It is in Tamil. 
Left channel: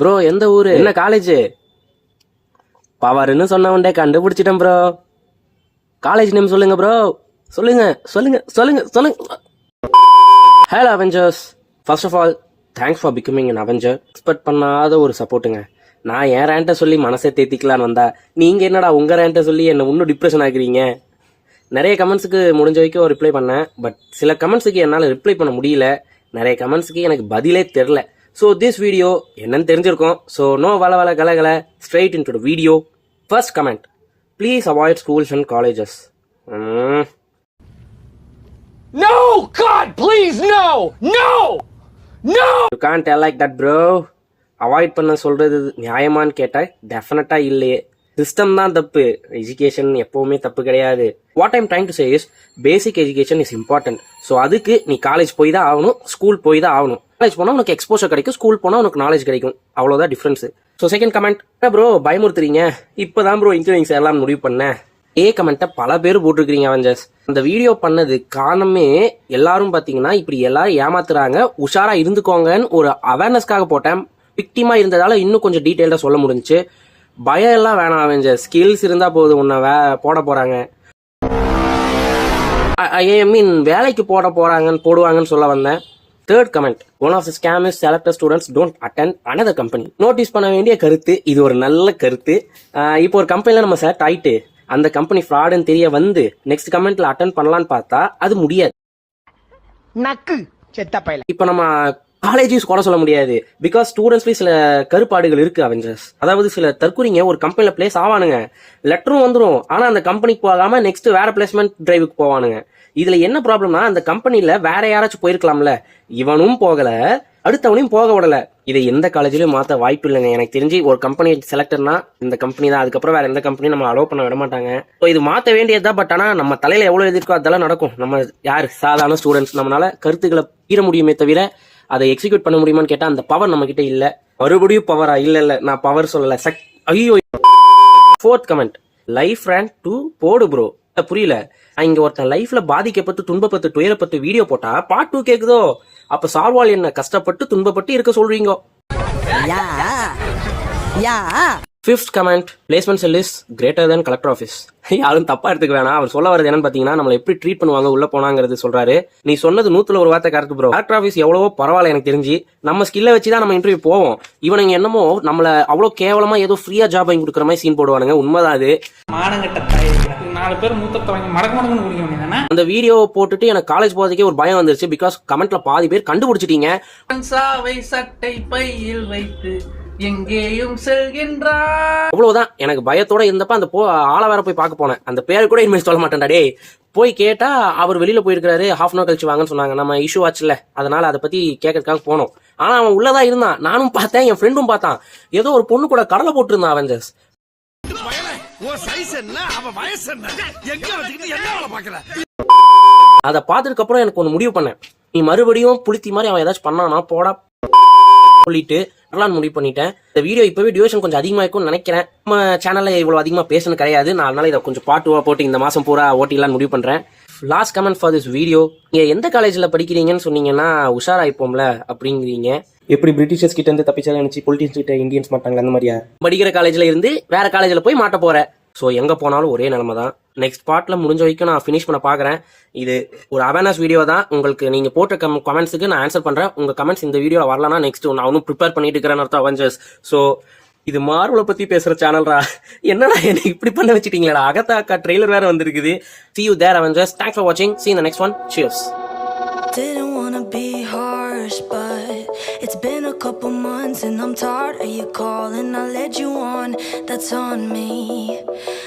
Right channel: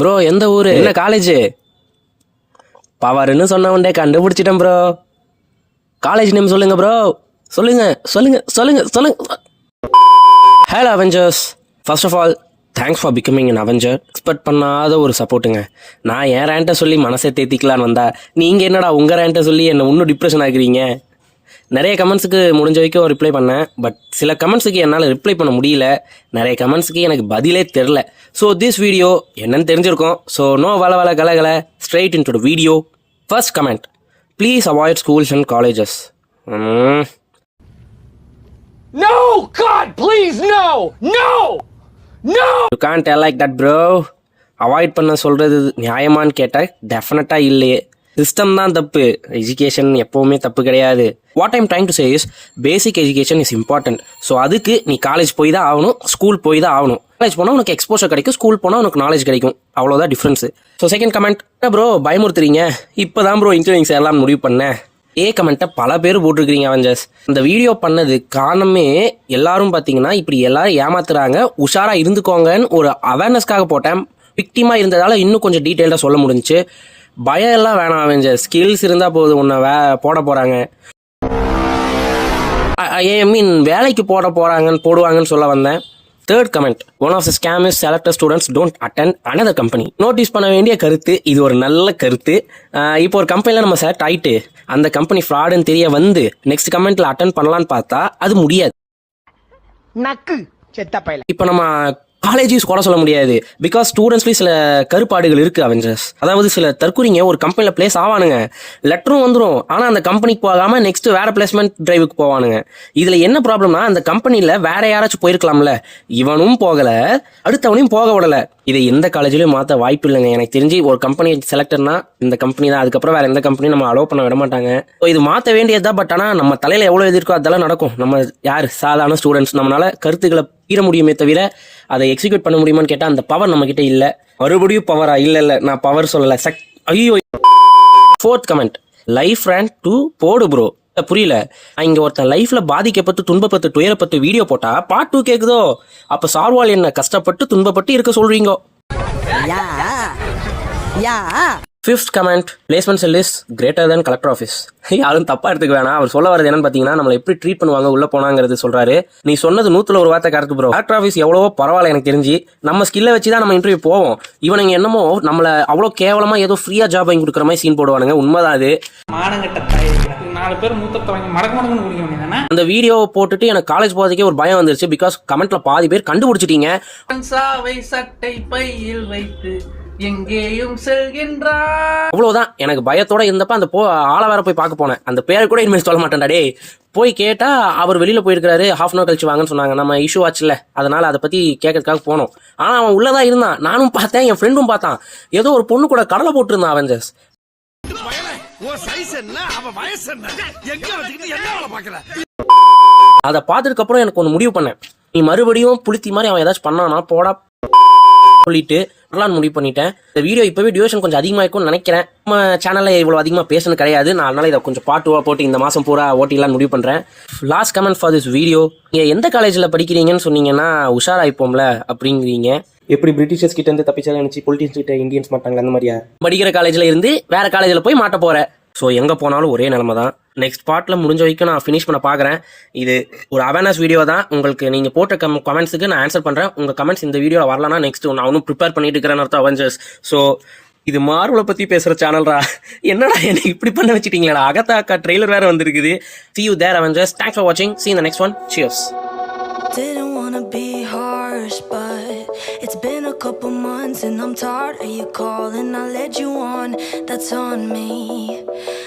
ப்ரோ எந்த ஊரு, என்ன காலேஜ்? பவர்னு சொன்னவன்டே கண்டுபிடிச்சிட்டேன் ப்ரோ. காலேஜ் நேம் சொல்லுங்க ப்ரோ. சொல்லுங்க சொல்லுங்க சொல்லுங்க சொல்லுங்க. Hello avengers, first of all thanks for becoming an avenger. Expect பண்ணாத ஒரு சப்போர்ட்டுங்க. நான் என் ரேண்ட்டை சொல்லி மனசை தேத்திக்கலான்னு வந்தா நீங்கள் என்னடா உங்கள் ரேண்ட்டை சொல்லி என்னை இன்னும் டிப்ரெஷன் ஆகுறீங்க. நிறைய கமெண்ட்ஸுக்கு முடிஞ்ச வரைக்கும் ரிப்ளை பண்ணேன். பட் சில கமெண்ட்ஸுக்கு என்னால் ரிப்ளை பண்ண முடியல. நிறைய கமெண்ட்ஸுக்கு எனக்கு பதிலே தெரில. ஸோ திஸ் வீடியோ என்னன்னு தெரிஞ்சிருக்கோம். ஸோ நோ வள வள கலை straight into the video. First comment, please avoid schools and colleges. No! God, please, no! No! No! You can't tell like that bro. Avoid பண்ண சொல்கிறது நியாயமானு கேட்டால் டெஃபினட்டாக இல்லையே. சிஸ்டம் தான் தப்பு, எஜுகேஷன் எப்போவுமே தப்பு கிடையாது. What I'm trying to say is basic education is important. So அதுக்கு நீ காலேஜ் போய் தான் ஆகணும், ஸ்கூல் போய் தான் ஆகணும். காலேஜ் போனால் உனக்கு எக்ஸ்போஷர் கிடைக்கும், ஸ்கூல் போனால் உனக்கு நாலேஜ் கிடைக்கும். அவ்வளோதான் difference. So second comment, bro பயமுறுத்துறீங்க, இப்போ தான் ப்ரோ இன்ஜினியரிங் எல்லாம் முடிவு பண்ணேன். கமெண்ட்டை பல பேர் போட்டிருக்கிறீங்க அவெஞ்சர்ஸ். இந்த வீடியோ பண்ணது காரணமே எல்லாரும் பார்த்தீங்கன்னா இப்படி எல்லாரும் ஏமாத்துறாங்க, உஷாரா இருந்துக்கோங்கன்னு ஒரு அவேர்னஸ்க்காக போட்டேன். விக்டிமா இருந்ததால இன்னும் கொஞ்சம் டீட்டெயில்டாக சொல்ல முடிஞ்சுச்சு. பயம் எல்லாம் வேணாம் அவெஞ்சர்ஸ், ஸ்கில்ஸ் இருந்தால் போதும். ஒன்று போட போகிறாங்க, ஐ மீன் வேலைக்கு போடுவாங்கன்னு சொல்ல வந்தேன். Third comment, one of the scam is selected students don't attend another company. Notice பண்ண வேண்டிய கருத்து இது, ஒரு நல்ல கருத்து. இப்போ ஒரு கம்பெனியில் நம்ம செலக்ட் ஆகிட்டு அந்த கம்பெனி ஃப்ராடுன்னு தெரிய வந்து நெக்ஸ்ட் கமெண்ட்ல அட்டென்ட் பண்ணலான்னு பார்த்தா அது முடியாது. நக்கு செத்த பையல. இப்போ நம்ம காலேஜையும் கூட சொல்ல முடியாது. பிகாஸ் ஸ்டூடெண்ட்ஸ்லேயும் சில கருப்பாடுகள் இருக்கு அவெஞ்சர்ஸ். அதாவது சில தற்கொலைங்க ஒரு கம்பெனியில் பிளேஸ் ஆவானுங்க, லெட்டரும் வந்துடும், ஆனால் அந்த கம்பெனிக்கு போகாம நெக்ஸ்ட் வேற பிளேஸ்மெண்ட் டிரைவுக்கு போவானுங்க. இதுல என்ன ப்ராப்ளம்னா, அந்த கம்பெனியில் வேற யாராச்சும் போயிருக்கலாம்ல, இவனும் போகல, அடுத்தவனையும் போக விடல. இது எந்த காலேஜ்லயும் மாற்ற வாய்ப்பு இல்லைங்க. எனக்கு தெரிஞ்சு ஒரு கம்பெனி செலக்டர்னா இந்த கம்பெனி தான், அதுக்கப்புறம் வேற எந்த கம்பெனியும் நம்ம அலோவ் பண்ண விட மாட்டாங்க. இது மாற்ற வேண்டியதுதான். பட் ஆனால் நம்ம தலையில எவ்வளவு எதிர்க்கோ அதெல்லாம் நடக்கும். நம்ம யார் சாதாரண ஸ்டூடெண்ட்ஸ், நம்மளால கருத்துக்களை பீர முடியுமே தவிர அதை எக்ஸிக்யூட் பண்ண முடியுமான்னு கேட்டா அந்த பவர் நம்ம கிட்ட இல்ல. மறுபடியும் பவரா? இல்ல நான் பவர் சொல்லல. ஐயோ. Fourth comment, life rant to போடு ப்ரோ. புரியல, இங்க ஒருத்தன் லைஃப்ல பாதிக்கப்பட்டு துன்பப்பட்டு துயரப்பட்டு வீடியோ போட்டா பார்ட் 2 கேக்குதோ? அப்ப சார்வால் என்ன கஷ்டப்பட்டு துன்பப்பட்டு இருக்க சொல்றீங்க? Fifth comment, placement sell is greater than collector office. யாரும் தப்பா எடுத்துக்க வேணாம். அவர் சொல்ல வரது என்னன்னு பாத்தீங்கன்னா, நம்மளை எப்படி ட்ரீட் பண்ணுவாங்க உள்ள போனாங்கிறது சொல்றாரு. நீ சொன்னது 100ல 1 வார்த்தை கரெக்ட் ப்ரோ. கலெக்டர் ஆஃபீஸ் எவ்வளவோ பரவாயில்ல. எனக்கு தெரிஞ்சு நம்ம ஸ்கில்லை வச்சுதான் நம்ம இன்டர்வியூ போவோம். இவனுங்க என்னமோ நம்மள அவ்வளவு கேவலமா ஏதோ ஃப்ரீயா ஜாப் வாங்கி கொடுக்குற மாதிரி சீன் போடுவானுங்க. உண்மைதான் அது. நாலு பேர் மூத்தத்தை வாங்கி மடக்கு குடிக்க. அந்த வீடியோ போட்டுட்டு எனக்கு காலேஜ் போறதுக்கே ஒரு பயம் வந்துருச்சு. பிகாஸ் கமெண்ட்ல பாதி பேர் கண்டுபிடிச்சிட்டீங்க. சட்டை பையில் வைத்து எங்கேயும் செல்கின்றார். அவ்வளவுதான். எனக்கு பயத்தோட இருந்தப்ப அந்த ஆள வேற போய் பார்க்க போனேன். அந்த பேர் கூட இனிமேல் சொல்ல மாட்டேன்டா டே. போய் கேட்டா அவர் வெளியில போயிருக்காரு, ஹாஃப் அன் அவர் கழிச்சு வாங்கன்னு சொன்னாங்க. நம்ம இஷ்யூ ஆச்சுல, அதனால அதை பத்தி கேட்கறதுக்காக போனோம். ஆனா அவன் உள்ளதான் இருந்தான், நானும் பார்த்தேன், என் ஃப்ரெண்டும் பார்த்தான். ஏதோ ஒரு பொண்ணு கூட கடலை போட்டு இருந்தான் அவெஞ்சர்ஸ். அதை பார்த்ததுக்கு அப்புறம் எனக்கு ஒன்று முடிவு பண்ணேன், நீ மறுபடியும் புளித்தி மாதிரி அவன் ஏதாச்சும் பண்ணானா போடா சொல்லிட்டு முடிவு பண்ணிட்டேன். இந்த வீடியோ இப்பவே டியூரேஷன் கொஞ்சம் அதிகமா இருக்கும்னு நினைக்கிறேன். நம்ம சேனல்ல இவ்வளவு அதிகமா பேசணும் கிடையாது. நான் அதனால இதை கொஞ்சம் பார்ட் 2 போட்டு இந்த மாசம் பூரா ஓட்டிங்களான்னு முடிவு பண்றேன். Last comment for this video, நீங்க எந்த காலேஜ்ல படிக்கிறீங்கன்னு சொன்னீங்கன்னா உஷாராயிப்போம்ல அப்படிங்கிறீங்க. எப்படி பிரிட்டிஷர்ஸ் கிட்ட இருந்து தப்பிச்சாலும் நினைச்சு பொலிட்டிஷியன்ஸ் கிட்ட இந்தியன்ஸ் மாட்டாங்க அந்த மாதிரியா? படிக்கிற காலேஜ்ல இருந்து வேற காலேஜ்ல போய் மாட்ட போறேன். ஸோ எங்கே போனாலும் ஒரே நிலைமை தான். நெக்ஸ்ட் பார்ட்டில் முடிஞ்ச வரைக்கும் நான் ஃபினிஷ் பண்ண பார்க்குறேன். இது ஒரு அவேர்னஸ் வீடியோ தான். உங்களுக்கு நீங்கள் போட்ட கமெண்ட்ஸுக்கு நான் ஆன்சர் பண்ணுறேன். உங்கள் கமெண்ட்ஸ் இந்த வீடியோவில் வரலன்னா நெக்ஸ்ட் நான் அவனும் ப்ரிப்பேர் பண்ணிட்டு இருக்கிறேன்னு அர்த்தம் அவெஞ்சர்ஸ். ஸோ இது மார்வலை பற்றி பேசுகிற சேனல்ரா. என்னடா என்ன இப்படி பண்ண வச்சுட்டீங்களா? அகத்தாக்கா ட்ரெய்லர் வேறு வந்திருக்குது. See you there Avengers. Thanks for watching. See you in the next one. Cheers. Didn't wanna be harsh, but it's been a couple months and I'm tired of you calling. I led you on, that's on me.